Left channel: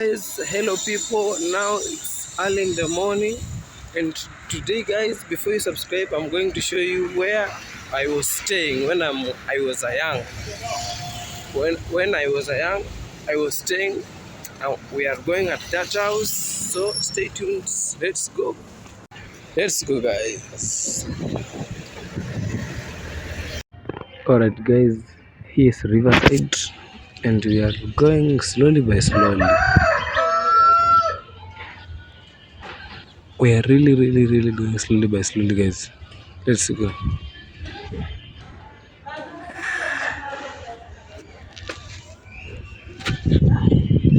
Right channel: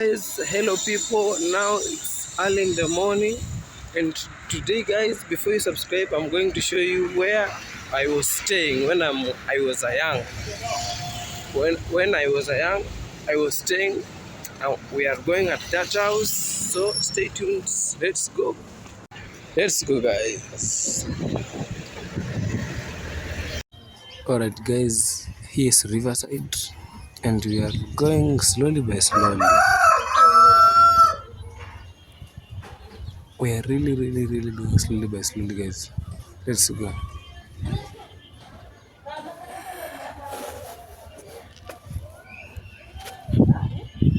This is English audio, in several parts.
Guys, hello people. Now it's early in the morning, and today, guys, before you subscribe, I'm going to show you where I was staying when I was a young. When I was a young, I was staying. We are going at that house, so stay tuned. Let's go. Let's go, guys. Alright, guys. Here's Riverside, and we are going slowly by slowly. We are really going slowly by slowly, guys. Let's go.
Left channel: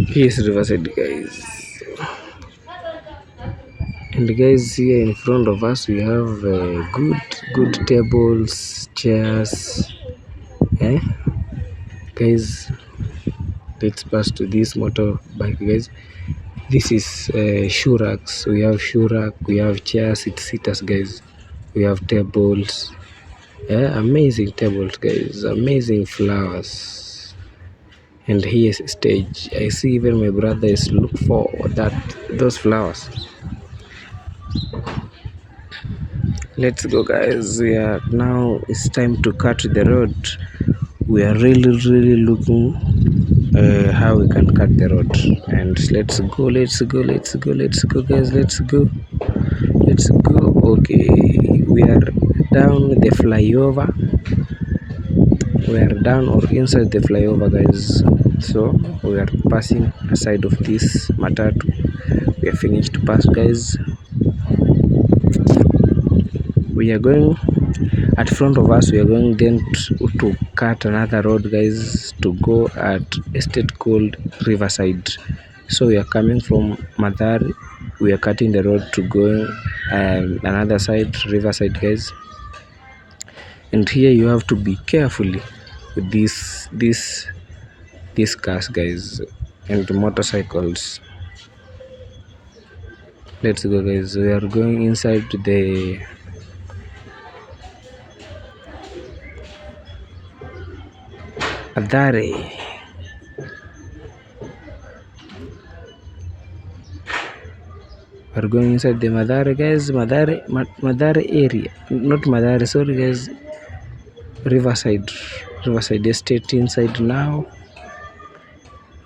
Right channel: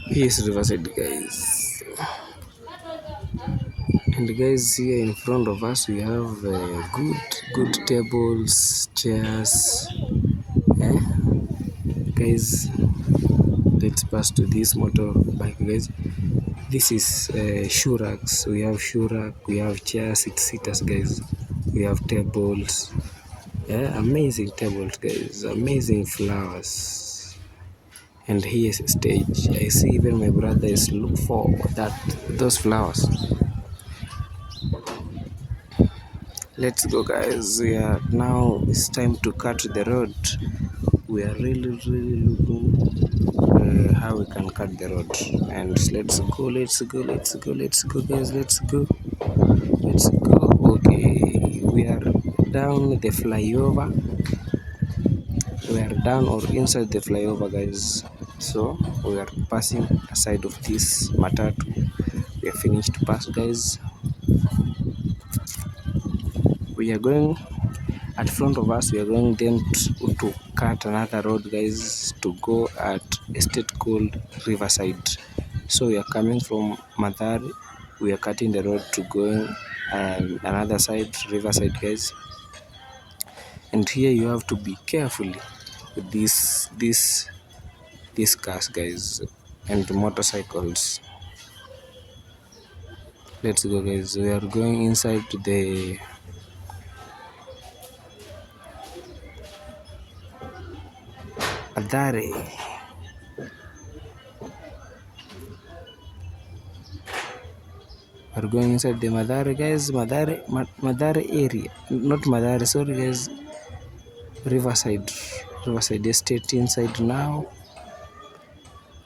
Here's Riverside, guys. And guys, here in front of us we have good tables, chairs. Guys, let's pass to this motorbike, guys. This is shoe racks. We have shoe rack, we have chairs, it's sitters, guys. We have tables. Amazing tables, guys. Amazing flowers. And here's a stage. I see even my brother is look for those flowers. Let's go, guys. Now it's time to cut the road. We are really looking how we can cut the road. And let's go, guys. Let's go. Okay, we are down the flyover. We are down or inside the flyover, guys. So we are passing aside of this matatu. We are finished to pass, guys. We are going at front of us. We are going then to cut another road, guys, to go at a state called Riverside. So we are coming from Mathare. We are cutting the road to going another side, Riverside, guys. And here you have to be carefully with these cars, guys, and motorcycles. Let's go, guys. We are going inside the Mathare. We're going inside the Mathare, guys. Mathare area. Not Mathare, sorry, guys. Riverside Estate inside now.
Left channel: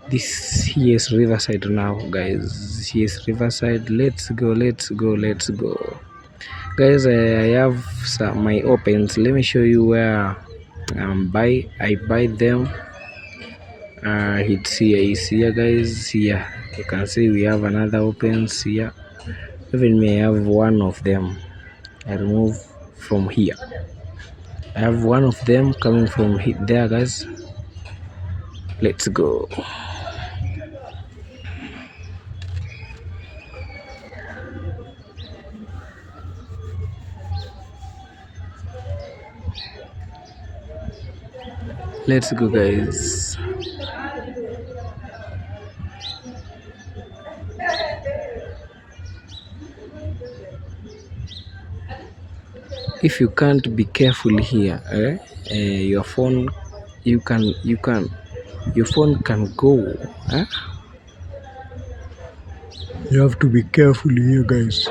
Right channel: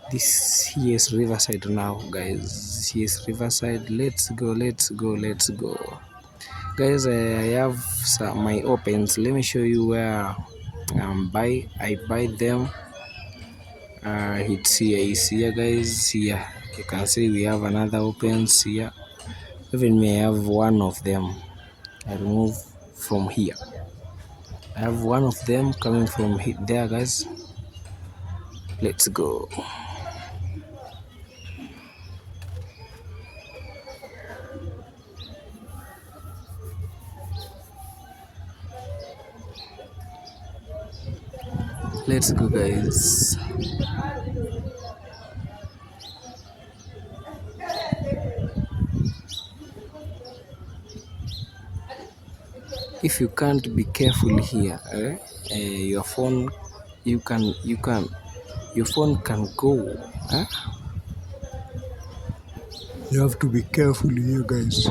Here is Riverside now, guys. Here is Riverside. Let's go. Guys, I have my opens. Let me show you where I buy them. It's here, guys. Here you can see we have another opens here. Even me, I have one of them. I remove from here. I have one of them coming from there, guys. Let's go. Let's go, guys. If you can't be careful here, your phone, your phone can go. You have to be careful here, guys.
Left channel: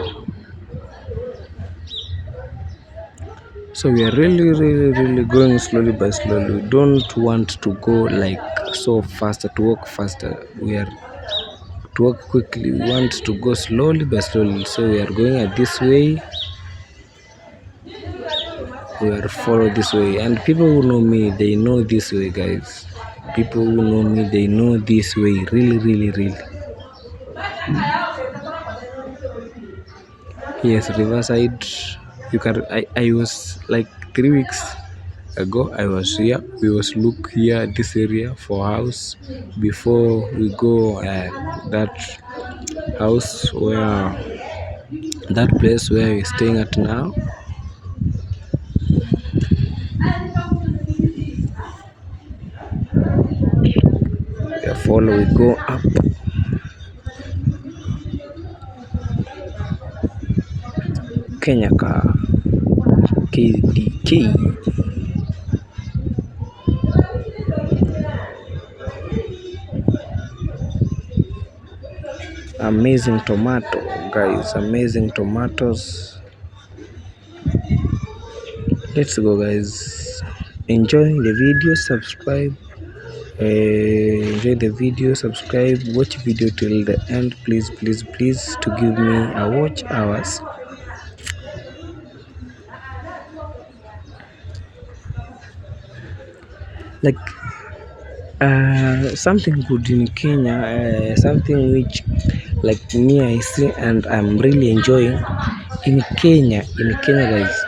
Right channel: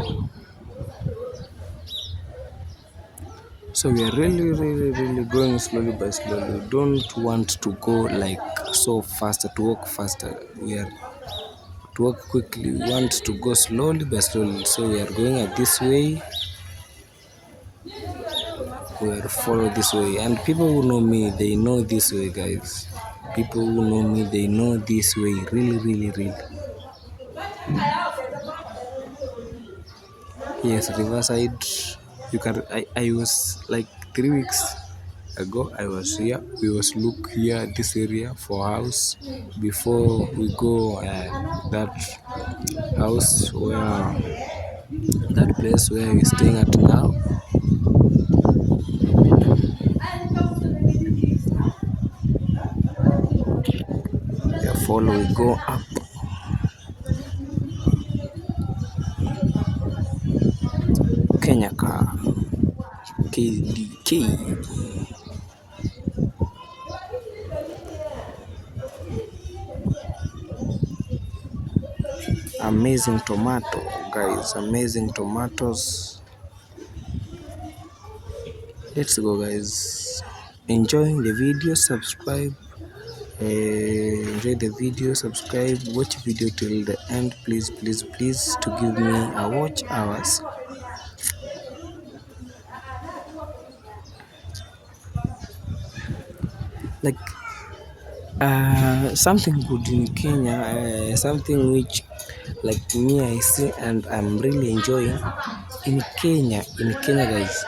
So we are really going slowly by slowly. We don't want to go like so faster, to walk faster. We are to walk quickly. We want to go slowly by slowly. So we are going at this way. We are follow this way. And people who know me, they know this way, guys. People who know me, they know this way. Really. Yes, Riverside. You can. I was like 3 weeks ago. I was here. We was look here at this area for house before we go that house where that place where we're staying at now. Follow, we go up. Kenyaka KDK. amazing tomato, guys, amazing tomatoes. Let's go, guys. Enjoy the video, subscribe. Enjoy the video, subscribe, watch video till the end, please, please, please, to give me a watch hours. Like something good in Kenya, something which like me I see and I'm really enjoying in Kenya, guys.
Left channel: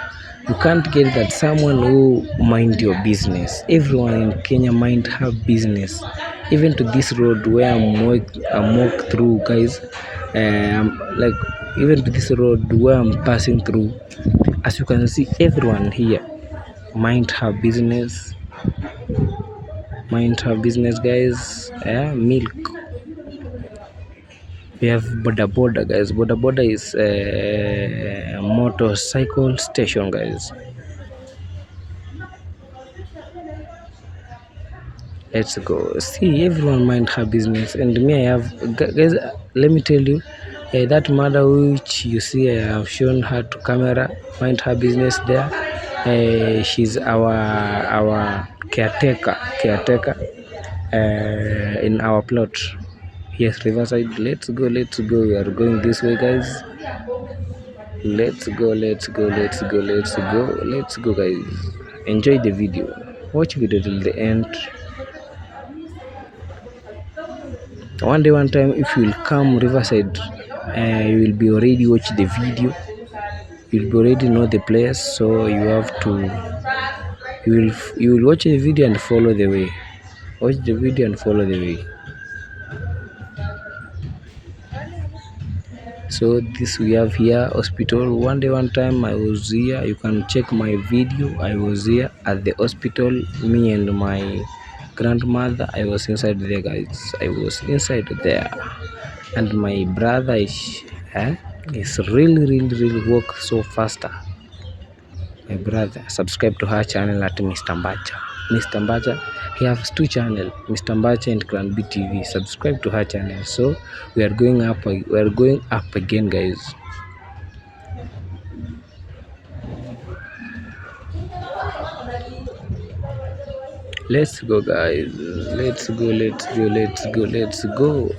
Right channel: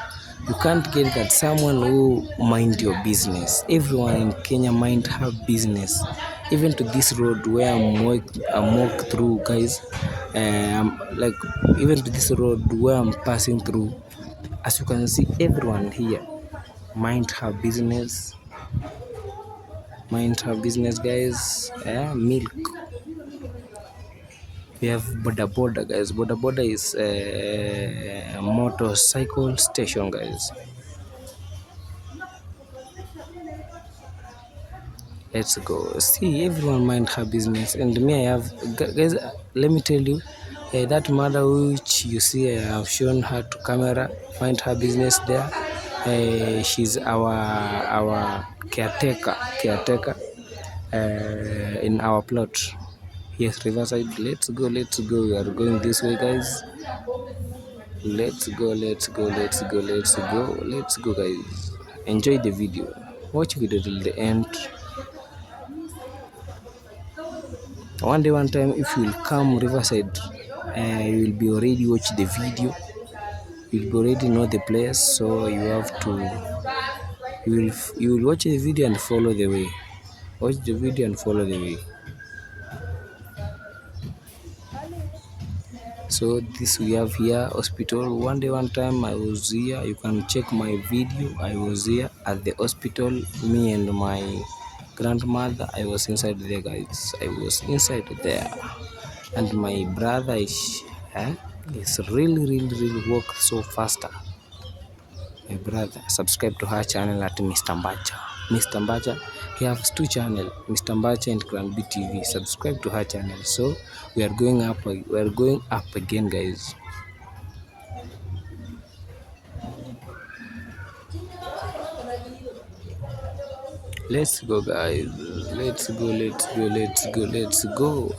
You can't get that someone who mind your business. Everyone in Kenya mind her business. Even to this road where I'm walk through, guys. Like even to this road where I'm passing through, as you can see, everyone here mind her business. Mind her business, guys. Milk. We have Boda Boda, guys. Boda Boda is a motorcycle station, guys. Let's go. See, everyone mind her business, and me, I have, guys. Let me tell you, that mother which you see, I have shown her to camera. Mind her business there. She's our caretaker in our plot. Yes, Riverside. Let's go. We are going this way, guys. Let's go, guys. Enjoy the video. Watch video till the end. One day, one time, if you will come Riverside, you will be already watch the video. You will be already know the place, so you have to. You will watch the video and follow the way. Watch the video and follow the way. So this we have here hospital. One day, one time, I was here. You can check my video. I was here at the hospital. Me and my grandmother. I was inside there, guys. I was inside there, and my brother is really work so faster. My brother, subscribe to her channel at Mr. Mbacha. He has two channels, Mr. Mbacha and Clan B TV. Subscribe to her channel. So we are going up. Again, guys. Let's go, guys. Let's go.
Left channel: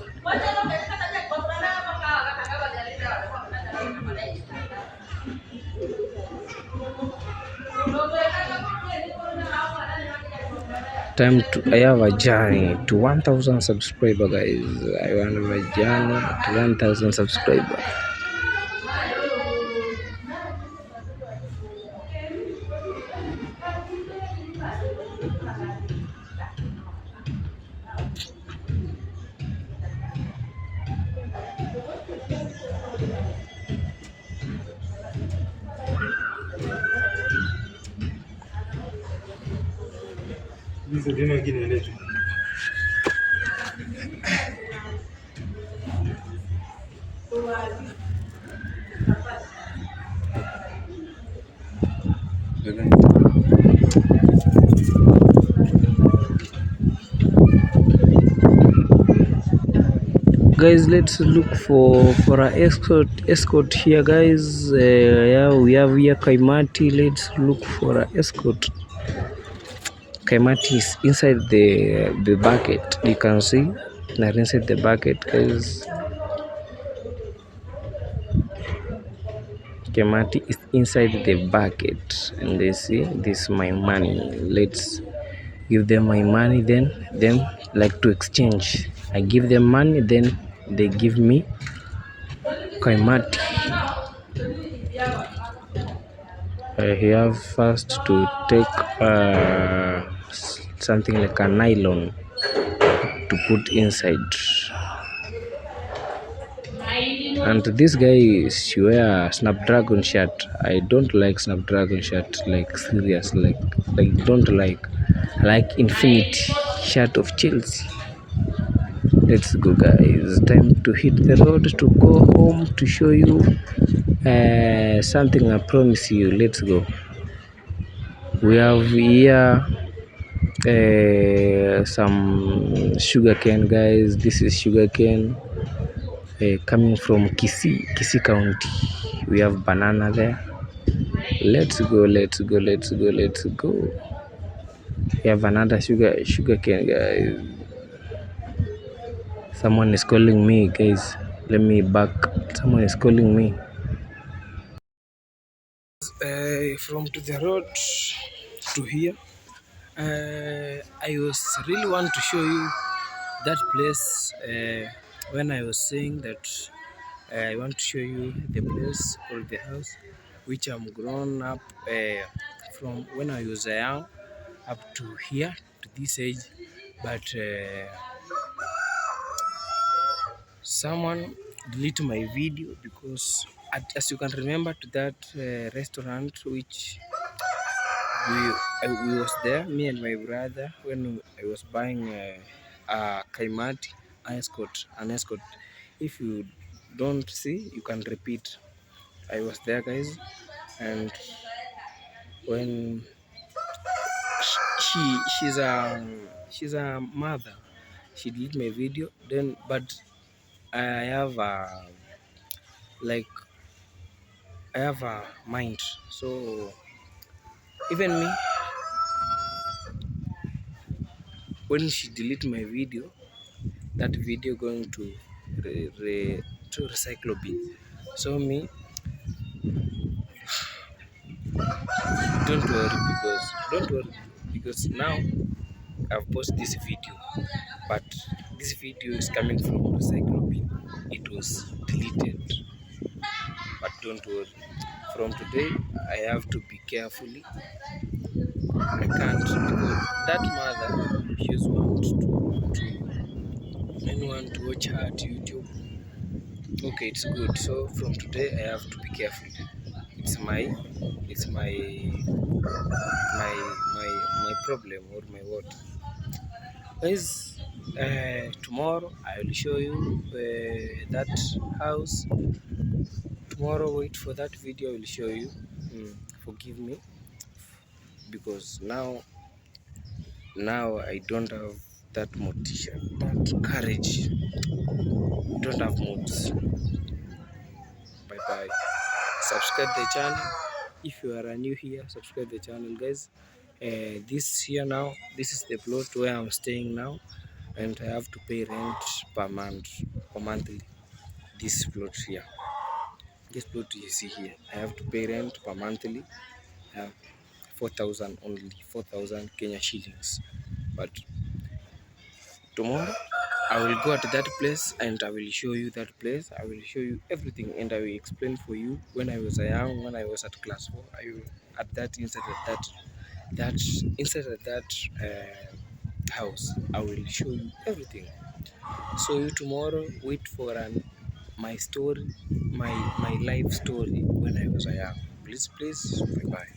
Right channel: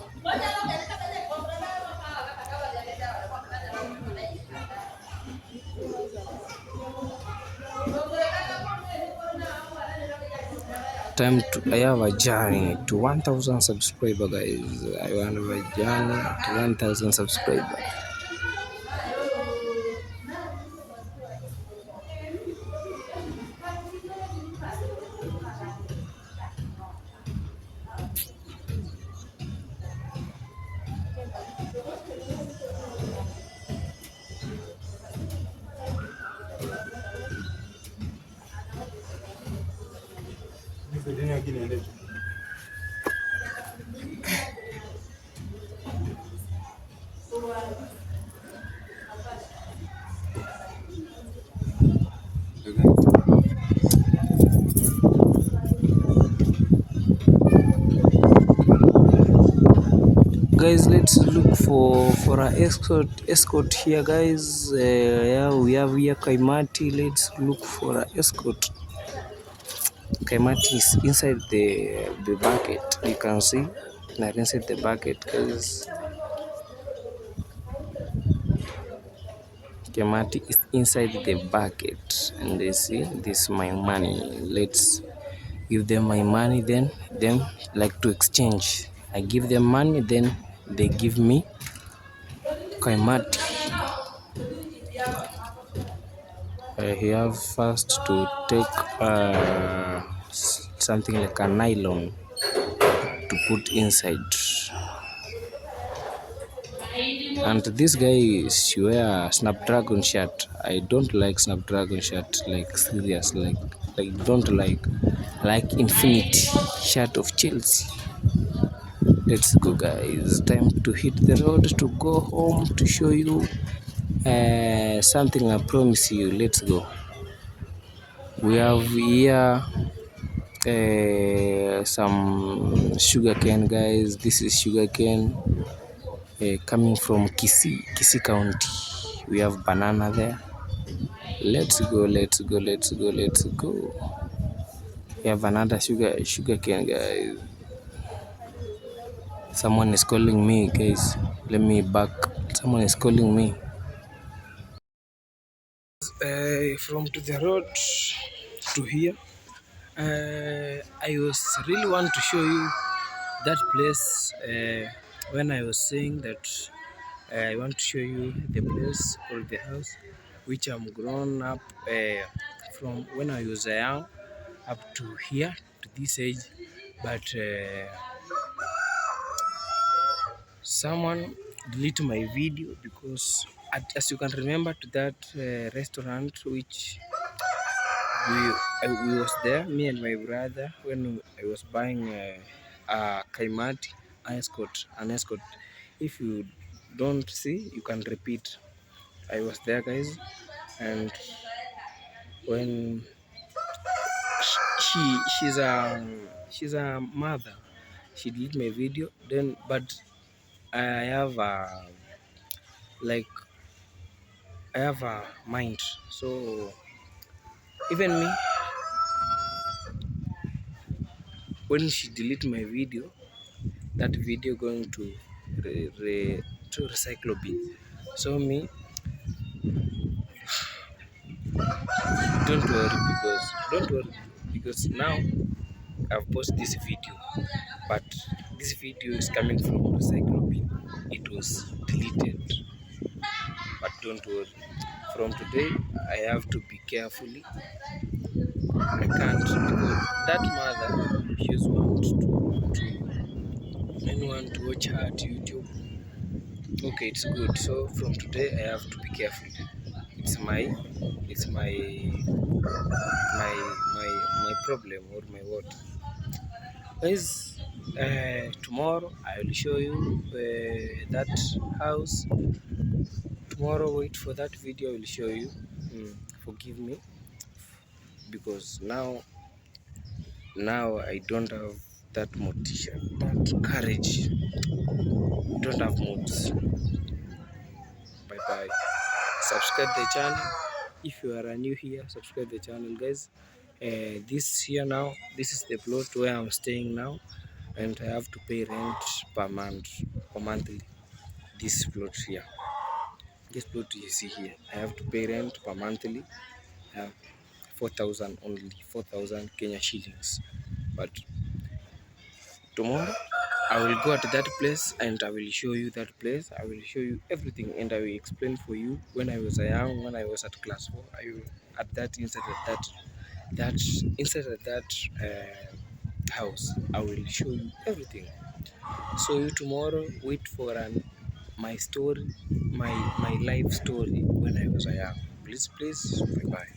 Time to I have a journey to 1,000 subscribers, guys. I want a journey to 1,000 subscribers. Guys, let's look for an escort here, guys. Yeah, we have here Kaimati. Let's look for an escort. Kaimati is inside the bucket. You can see now inside the bucket, guys. Kaimati is inside the bucket, and they see this is my money. Let's give them my money, then them like to exchange. I give them money, then they give me Kaimati. I have first to take something like a nylon to put inside. And this guy wear Snapdragon shirt. I don't like Snapdragon shirt, like serious, like don't like Infinity shirt of Chelsea. Let's go, guys. Time to hit the road to go home to show you something I promise you. Let's go. We have here some sugarcane, guys. This is sugarcane. coming from Kisii County. We have banana there. Let's go. We have another sugar cane, guys. Someone is calling me, guys. Let me back. Someone is calling me. From to the road to here. I was really want to show you that place. When I was saying that I want to show you the place or the house which I'm grown up from when I was young up to here to this age, but someone delete my video because as you can remember to that restaurant which we was there, me and my brother, when I was buying a Kaimati an escort. If you don't see, you can repeat. I was there, guys, and when she's a mother, she deleted my video. Then, but I have like I have a mind, so even me, when she deleted my video, that video going to recycle bin. So me, don't worry because now I've posted this video, but this video is coming from recycle bin. It was deleted, but don't worry. From today, I have to be carefully. I can't because that mother, she just wants to anyone to watch her at YouTube. Okay, it's good. So from today, I have to be careful. It's my my problem or my what. Guys, tomorrow I will show you that house. Tomorrow, wait for that video. I will show you. Forgive me because now I don't have that motivation, that courage. Don't have moods. Bye bye. Subscribe the channel. If you are new here, subscribe the channel, guys. This here now, this is the plot where I'm staying now, and I have to pay rent per month or monthly. This plot here, this plot you see here, I have to pay rent per monthly. 4,000 only, 4,000 Kenya shillings. But tomorrow I will go at that place and I will show you that place. I will show you everything and I will explain for you when I was young, when I was at class 4. I will at that inside of that house. I will show you everything. So you tomorrow wait for my story, my life story when I was young. Please, bye bye.